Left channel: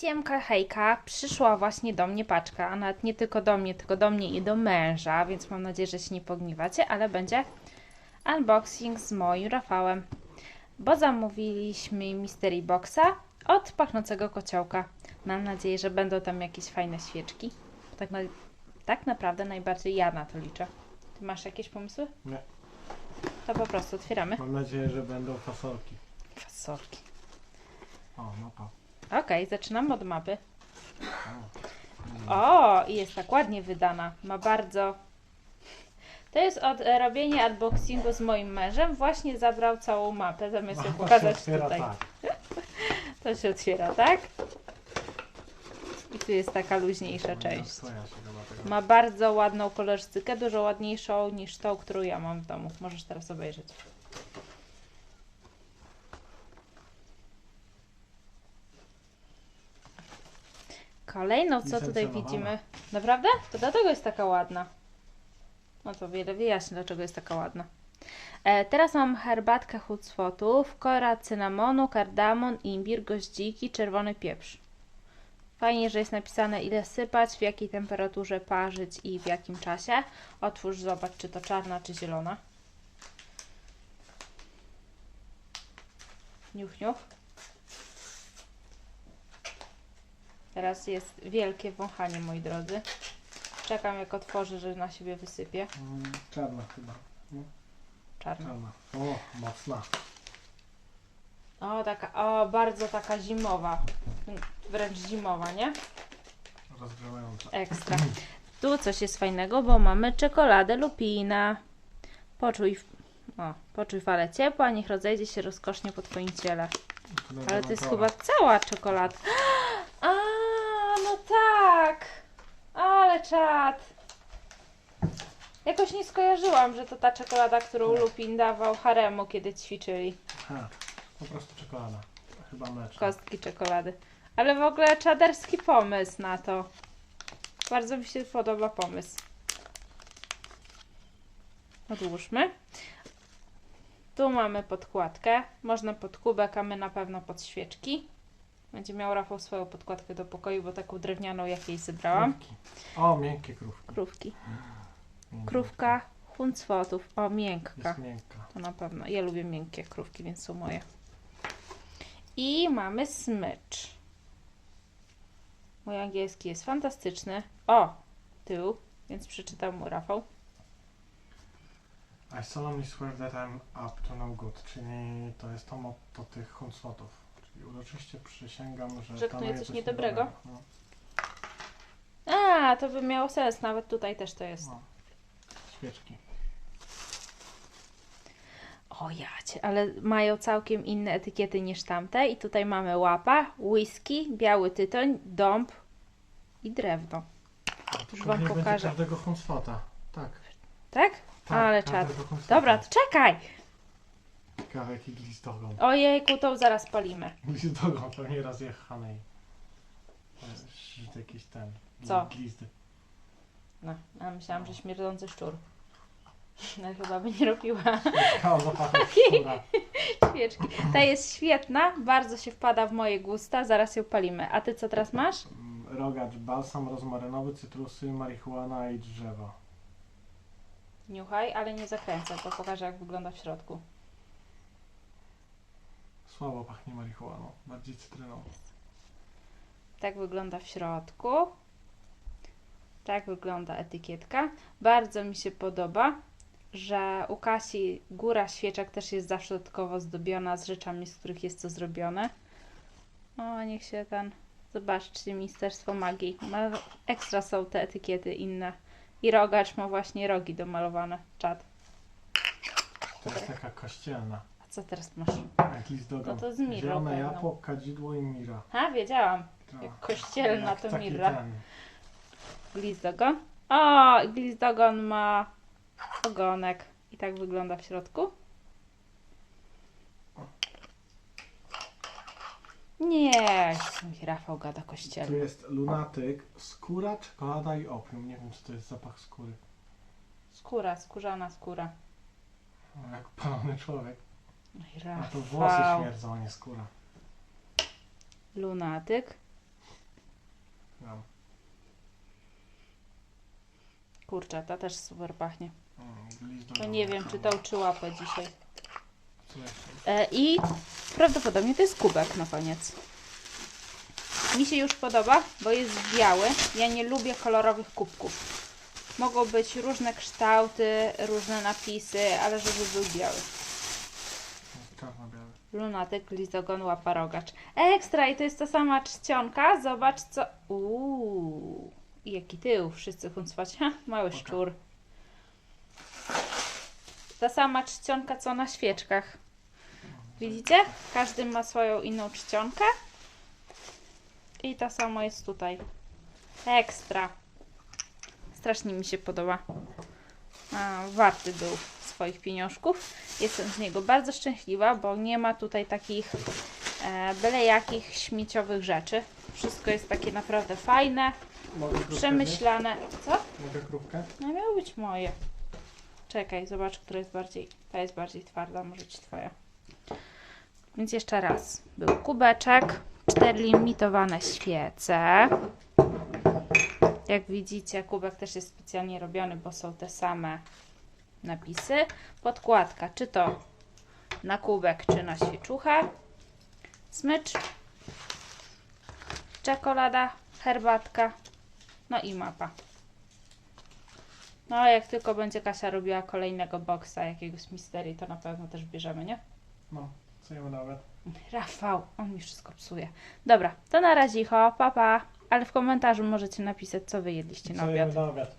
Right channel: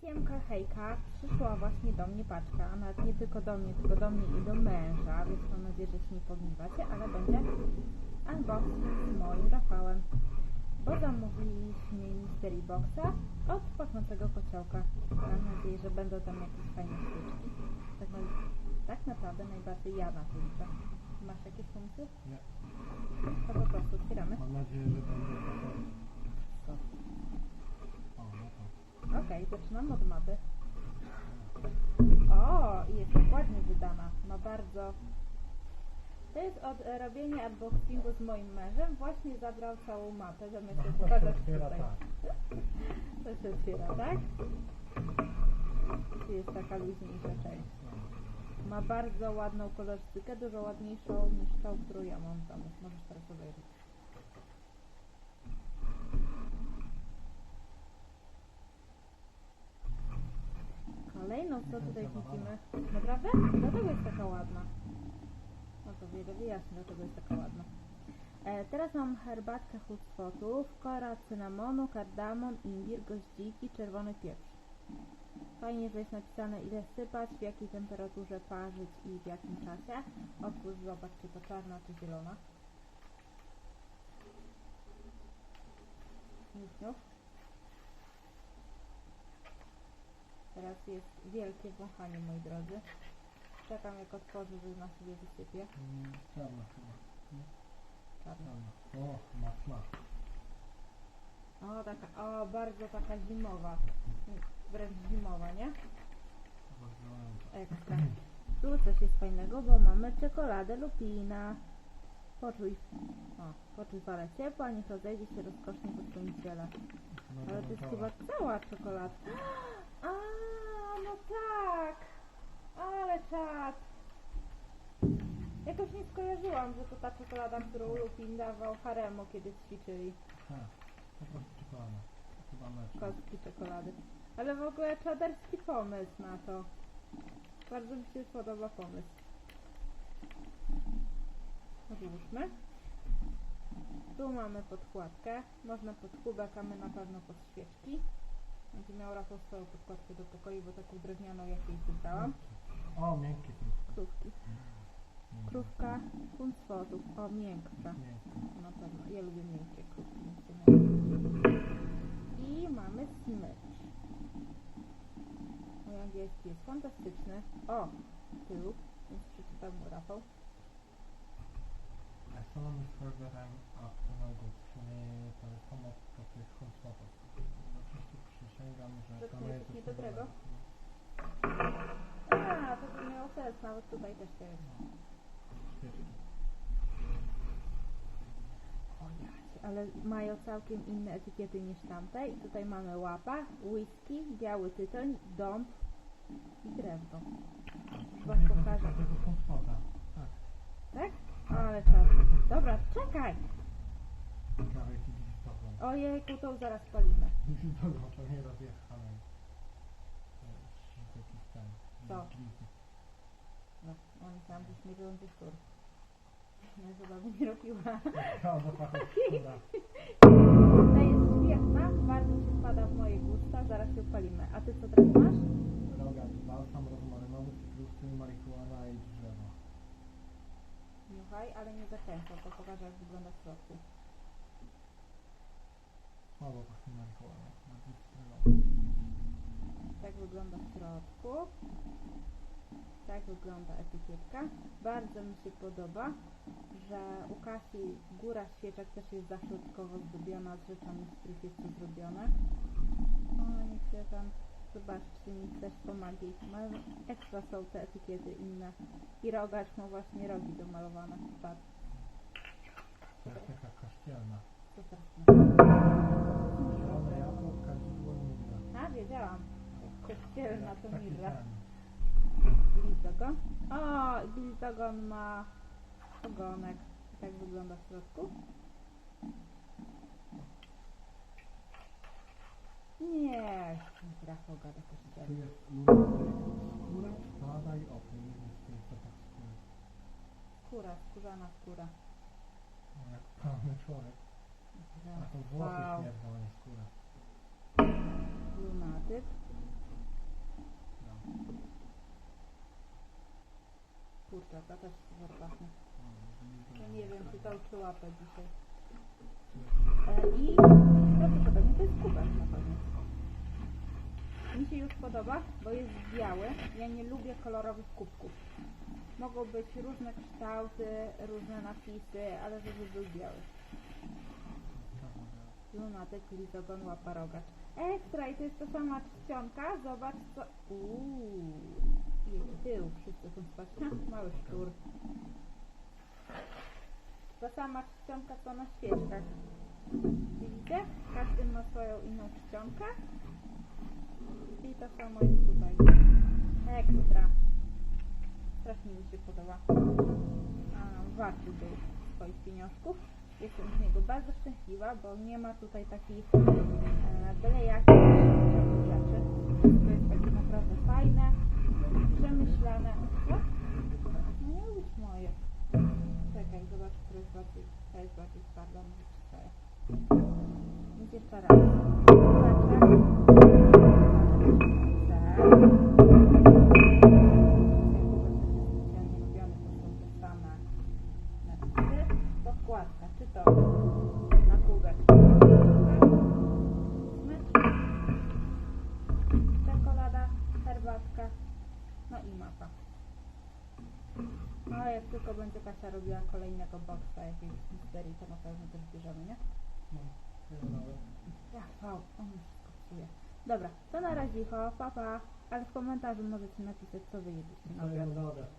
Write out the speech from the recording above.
Siemka, hejka, przyszła właśnie do mnie paczka, a nawet nie tylko do mnie, tylko do mnie i do męża, więc mam nadzieję, że się nie pogniewacie, ale będzie unboxing z moim Rafałem, bo zamówiliśmy Mystery Boxa od pachnącego kociołka. Mam nadzieję, że będą tam jakieś fajne świeczki. Tak, na, tak naprawdę najbardziej ja na to liczę. Ty masz jakieś pomysły? Nie. To po prostu otwieramy. Mam nadzieję, że będą fasolki. Fasolki. O, mapa. Okej, zaczynam od mapy. O, i jest tak ładnie wydana. Ma bardzo. To jest od e, robienia unboxingu z moim mężem. Właśnie zabrał całą mapę, zamiast ją pokazać tutaj. tak. To się otwiera, tak? I tu jest taka luźniejsza część. Się chyba tego. Ma bardzo ładną kolorystykę, dużo ładniejszą niż tą, którą ja mam w domu. Możesz teraz obejrzeć. Kolejną, co tutaj widzimy. Naprawdę? To dlatego jest taka ładna. No to wiele wyjaśni, dlaczego jest taka ładna. E, teraz mam herbatkę hucwotów, kora cynamonu, kardamon, imbir, goździki, czerwony pieprz. Fajnie, że jest napisane ile sypać, w jakiej temperaturze parzyć i w jakim czasie. Otwórz, zobacz, czy to czarna, czy zielona. Niuch, niuch. Teraz jest wielkie wąchanie, moi drodzy. Czekam, jak otworzy, że na siebie wysypie. Mm, Czarna chyba. Czarna. Czarna. O, mocna. O, taka, o, bardzo taka zimowa. Wręcz zimowa, nie? Rozgrzewająca. Ekstra. Tu coś jest fajnego, bo mamy czekoladę lupina. Poczuj, o, poczuj falę ciepła, niech rozejdzie się rozkosznie po Twoim ciele. Ale to jest chyba cała czekolada. A, no tak! Ale czad! Jakoś nie skojarzyłam, że to ta czekolada, którą Tak. Lupin dawał haremu, kiedy ćwiczyli. Ha, po prostu czekolada. Chyba mleczna. Kostki czekolady. Ale w ogóle czaderski pomysł na to. Bardzo mi się podoba pomysł. Odłóżmy. Tu mamy podkładkę. Można pod kubek, a my na pewno pod świeczki. Będzie miał Rafał swoją podkładkę do pokoju, bo taką drewnianą jak jej zebrałam. Krówki. O, miękkie krówki. Krówki. Krówka, punt. O, miękka. Jest miękka. To na pewno. Ja lubię miękkie krówki, więc są moje. I mamy smycz. Mój angielski jest fantastyczny. O! Tył, więc przeczytał mu Rafał. I solemnly swear that I'm up to no good, czyli to jest to motto tych huncwotów. Uroczyście przysięgam, że Że knuje coś niedobrego? No, A, to by miało sens. Nawet tutaj też to jest. no. Świeczki. O jacie, ale mają całkiem inne etykiety niż tamte. I tutaj mamy łapa, whisky, biały tytoń, dąb i drewno. Już wam nie będzie pokażę. każdego huncwota. Tak. Tak? tak Ale każdego czad. Dobra, to czekaj! Jaki glistogon. Ojejku, to zaraz palimy. Glistogon pewnie raz jechanej. Jakiś ten. Co? Glizdy. No, a myślałam, że śmierdzący szczur. No chyba by nie robiła szczura. świeczki. Ta jest świetna, bardzo się wpada w moje gusta, zaraz ją palimy. A ty co teraz masz? Rogacz, balsam rozmarynowy, cytrusy, marihuana i drzewo. Niuchaj, ale nie zakręcę, bo pokażę jak wygląda w środku. Słabo pachnie marihuaną, bardziej cytryną. Tak wygląda w środku. Tak wygląda etykietka. Bardzo mi się podoba, że u Kasi góra świeczek też jest zawsze dodatkowo zdobiona z rzeczami, z których jest to zrobione. O, niech się ten... Zobaczcie, Ministerstwo Magii. Ma, ekstra są te etykiety inne. I rogacz ma właśnie rogi domalowane. Czad. To jest taka kościelna. Co teraz masz? No to z mirą Zielone pewno. jabłko, kadzidło i mira. A, wiedziałam. Tak. Jak kościelna Jak to taki mirra. ten. Glizdogon. O, glizdogon ma ogonek. I tak wygląda w środku. Nie, mi Rafał gada Tu kościelny. jest lunatyk, skóra, czekolada i opium. Nie wiem, czy to jest zapach skóry. Skóra, skórzana skóra. No, Jak palony człowiek. No A to włosy Rafał. śmierdzą, a nie skóra. Lunatyk. gram. Kurczę, ta też super pachnie. Mm, No nie wiem, czy to czy łapę dzisiaj. E, I prawdopodobnie to jest kubek na koniec. Mi się już podoba, bo jest biały. Ja nie lubię kolorowych kubków. Mogą być różne kształty, różne napisy, ale żeby był biały. Lunatyk, lizogon, łapa, rogacz. Ekstra! I to jest ta sama czcionka. Zobacz co... Uuu, jaki tył. Wszyscy huncwać. Ha, mały szczur. Ta sama czcionka co na świeczkach. Widzicie? Każdy ma swoją inną czcionkę. I to samo jest tutaj. Ekstra. Strasznie mi się podoba. A, warty był swoich pieniążków. Jestem z niego bardzo szczęśliwa, bo nie ma tutaj takich e, byle jakich śmieciowych rzeczy. Wszystko jest takie naprawdę fajne, przemyślane. Co? Mogę grupkę? No miało być moje. Czekaj, zobacz, która jest bardziej. Ta jest bardziej twarda, może być twoja. Więc jeszcze raz. Był kubeczek, cztery limitowane świece. Jak widzicie, kubek też jest specjalnie robiony, bo są te same napisy. Podkładka, czy to na kubek, czy na świeczuchę. Smycz. Czekolada, herbatka. No i mapa. No, jak tylko będzie Kasia robiła kolejnego boksa, jakiegoś misterii, to na pewno też bierzemy, nie? No, co ja nawet? Rafał, on mi wszystko psuje. Dobra, to na razie, ho, pa, pa. Ale w komentarzu możecie napisać, co wy jedliście na Co obiad. jemy na obiad?